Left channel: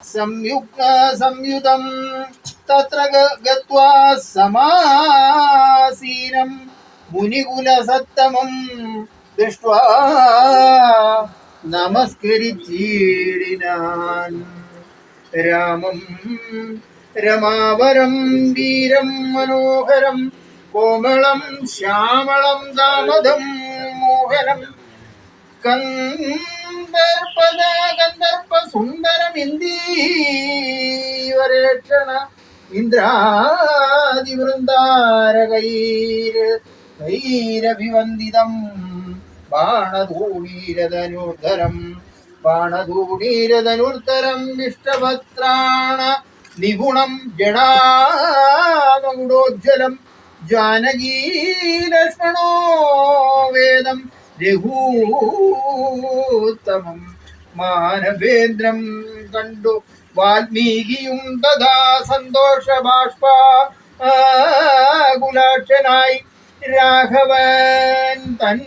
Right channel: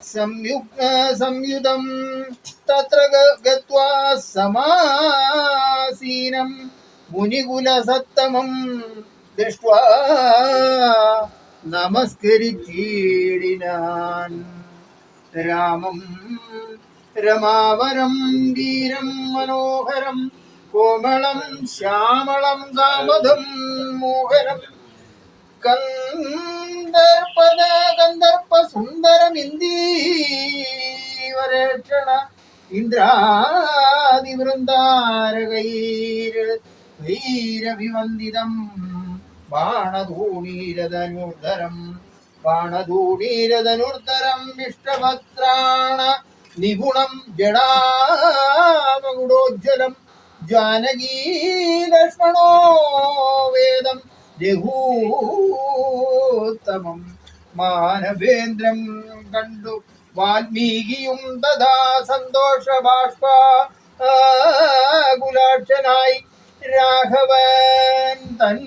संयुतं तत्र गत्वा समासीनं मुनिकुलसत्तमं दृष्ट्वा नमस्कृतीडिनान् रामं रमावरं वीरं मनोहरं कोमलं श्यामलं दामदं मोहनं गंधर्प सुंदरमिंदीवरेक्षण इंद्रादिवृंदारगैरभिवन्दितं बाणधूणीरधनुर्धरं विष्टभद्राण निपुणं जडामकुडोज्ज्वलं जानकी लक्ष्मणो वेदं രഘൂത്തമം മാനവേന്ദ്രം കണ്ടു വാൽമീകിയും തഥാ സന്തോഷ ബാഷ്പാകുലാക്ഷനായി രാഘവൻ തൻ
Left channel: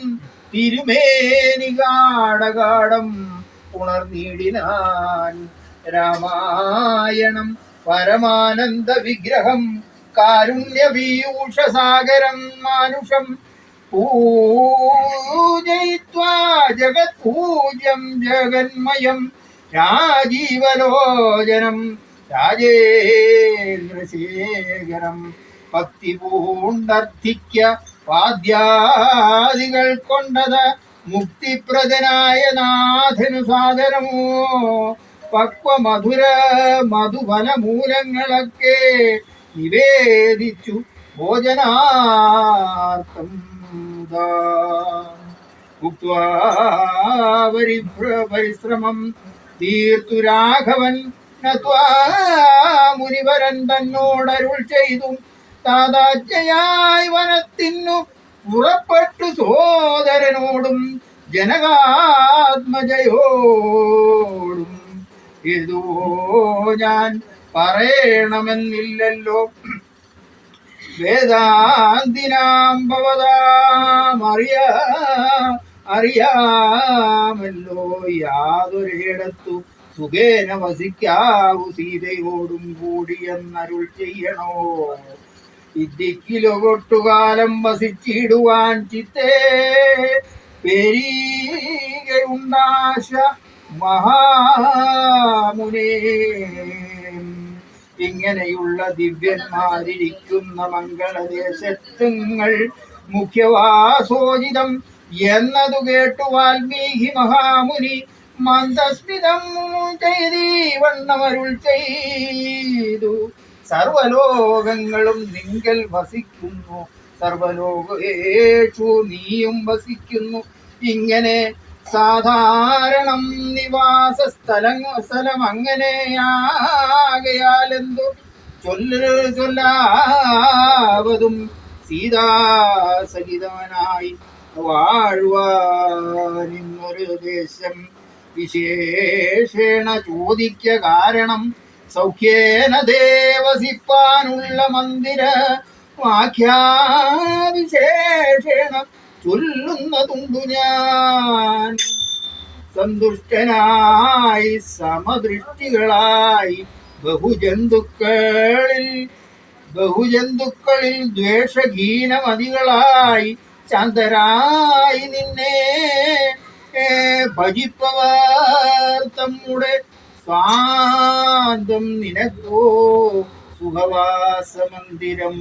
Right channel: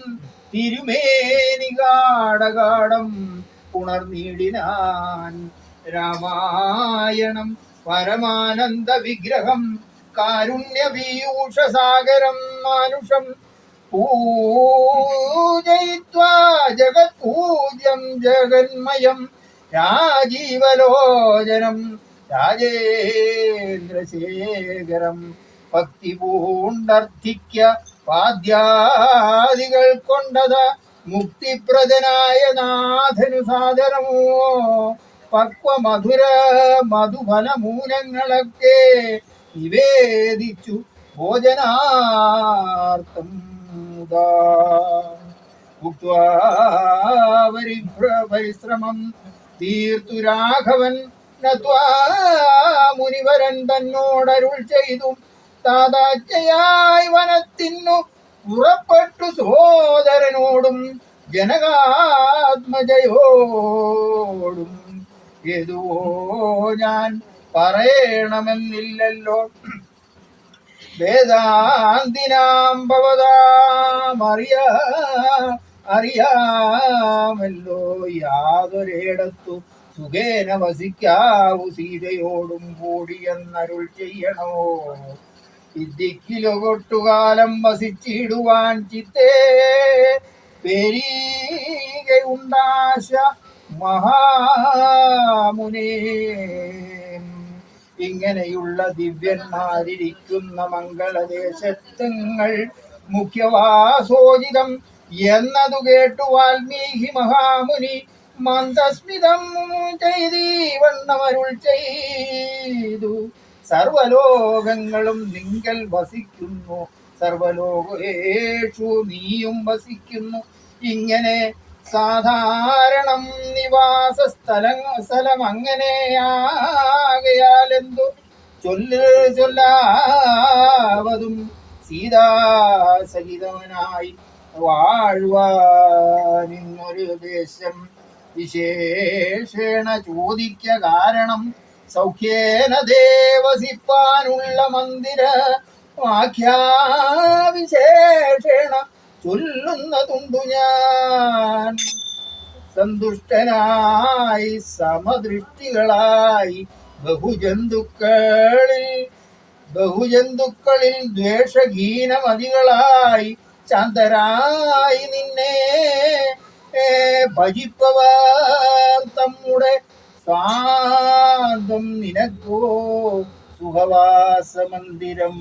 തിരുമേനി കാടകാടം ഉണർന്നിടിനാൻ രാമായണം പരമാനന്ദ വിഗ്രഹം കാരുണ്യപീയൂഷസാഗരം മാനുഷം പൂജയിത്വാ ജഗത്പൂജ്യം ജഗന്മയം രാജീവലോചനം രാജേന്ദ്രശേഖരം ഭക്തി പൂണ്ടർത്ഥിക്ക പാദ്യാദികൾ കൊണ്ടത് മുക്തിപ്രദനായ നാഥനു സാദരമോ പക്വ മധുര മധുഫലമൂലങ്ങളൊക്കെ നിവേദിച്ചു ഭോജനാർത്ഥം പരിശ്രമം തീർത്തു രാഘവൻ മുനിവരൻ തന്നോടരുൾ ചെയ്തു താതാജ്ഞയായി വനത്തിനു പുറപ്പെട്ടു സോദരനോടും ജനകാത്മജയോടും ഏതുവോ ഞാൻ പറയണമെന്നില്ലല്ലോ വേദാന്തിനാം അറിയാമല്ലോ യാതൊരിടത്തു സുഖേന വസിക്കാവു സീതയോടും കൂടി എന്നരുൾ ചെയ്യണോ ഇദ്ദിക്കിലൊട്ടുകാലം വസിച്ചിടുവാൻ ചിത്തേ പെരീകയുണ്ടാശ മഹാമുനേ ഇങ്ങനെയുള്ള ദിവ്യന്മാരിരിക്കുന്ന മംഗളദേശത്തുങ്ങൾ മുഖ്യവാസോചിതം എന്നതു കേട്ടു വാൽമീകി മഹാമുനി മന്ദസ്മിതം ചെയ്തീവണ്ണമരുൾ ചെയ്തു സർവലോകങ്ങളും നിങ്കൽ വസിക്കുന്നു സർവലോകേഷു നീയും വസിക്കുന്നു ഇങ്ങനെ സാധാരണം നിവാസ സ്ഥലം അങ്ങനെയാകയാലെന്തു ചൊല്ലാവതും സീതാസഹിതവനായി വാഴുവാനിന്നൊരു ദേശം വിശേഷേണ ചോദിക്ക കാരണം സൗഖ്യേന ദേവസിപ്പാനുള്ള മന്ദിര വാക്യാവിശേഷേണ ചൊല്ലുന്നതുണ്ടു ഞാൻ സന്തുഷ്ടനായി സമദൃഷ്ടികളായി ബഹുജന്തുക്കളിൽ ദ്വേഷഹീനമതികളായി ശാന്തരായി നിന്നെ ഭജിപ്പവർ തമ്മുടെ സ്വാന്തം നിനക്കോ സുഖവാസമന്ദിരം.